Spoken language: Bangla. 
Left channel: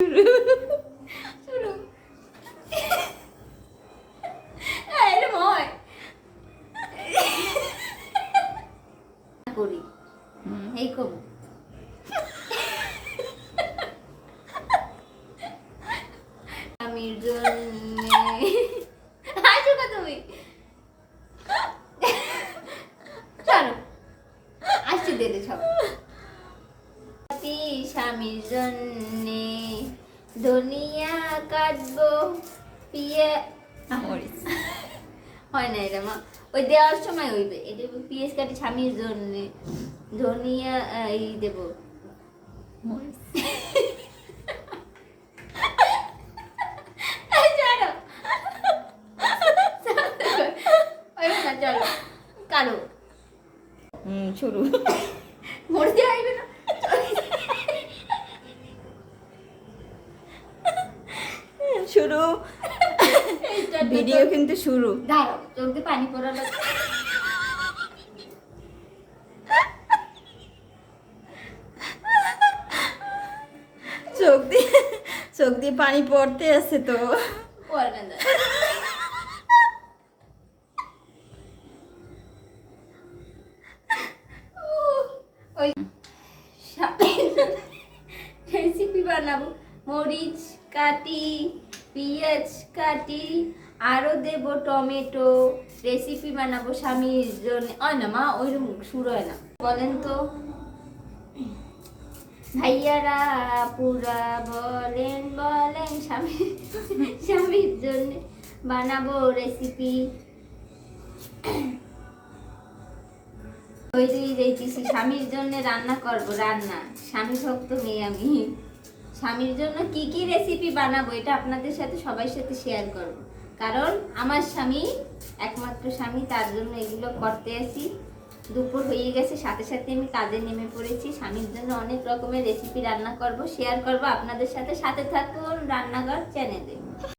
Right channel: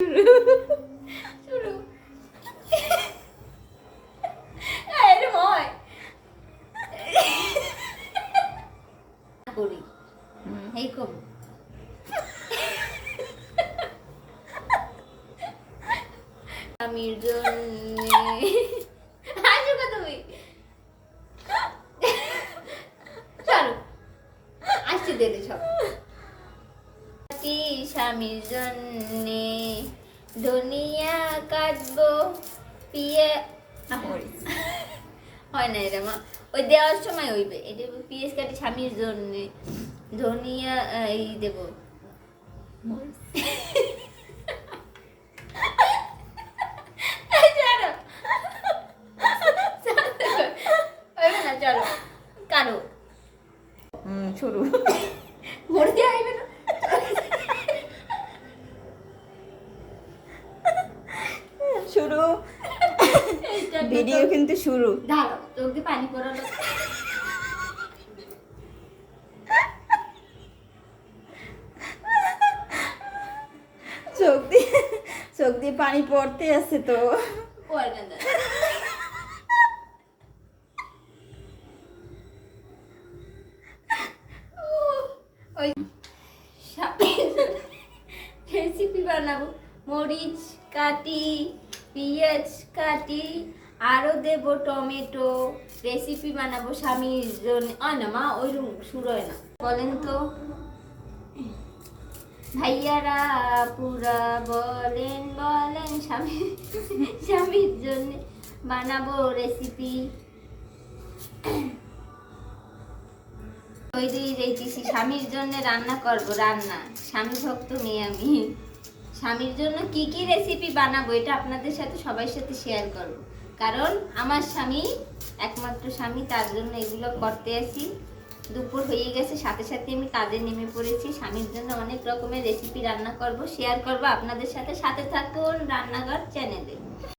শুরু এরকম হয় করি এই কম আমির জন্য আসো কত তুমি চলো আসছি দেবে সব স্বামীর জন্যে দুনিয়া কাটবো পিয়ে হয় না এটা মা ওই দেওয়ার সময় হইবে এটা পিএস কাটি স্বামীর জন্যে ধনিয়া এই দেবো চলো কারো শুরু মরতে আইবে না শুরু ভিডিও কিন্তু শুরু দাঁড়াও চোখে পানি পড়ালো চোখ দিয়ে পানি পড়তে আছে তো ওই রেসিপি বানাবো মরিচ কাটি পেঁয়াজ কাটি আরো দেব টমেটো রেসিপি বানাবো স্বামীর জন্য হয় না মা ওইরকম শুরু হয় না বলেন তো ভাইয়ারা পুরা বলেন বলেন স্বামীর জন্য বানাবো রেসিপি তৈরি রেখেছি স্বামীর জন্য রান্না করবো রান্না স্বামী ভক্ত মেয়ে আমি স্বামীর জন্য কি কি রেসিপি বানাবো এটা আপনাদের সাথে সবার সাথে শেয়ার করব কারণ আমার স্বামী একমাত্র স্বামী তার জন্য এগুলো করতে আসি দুপুর হয়ে গেছে সাথে সাথে আমি কাজে নেমে পড়েছি স্বামীর জন্য অনেক রকমের রেসিপি রান্না করব শেয়ার করব আপনাদের সাথে সাথে থাকুন রান্নাঘর চ্যানেলে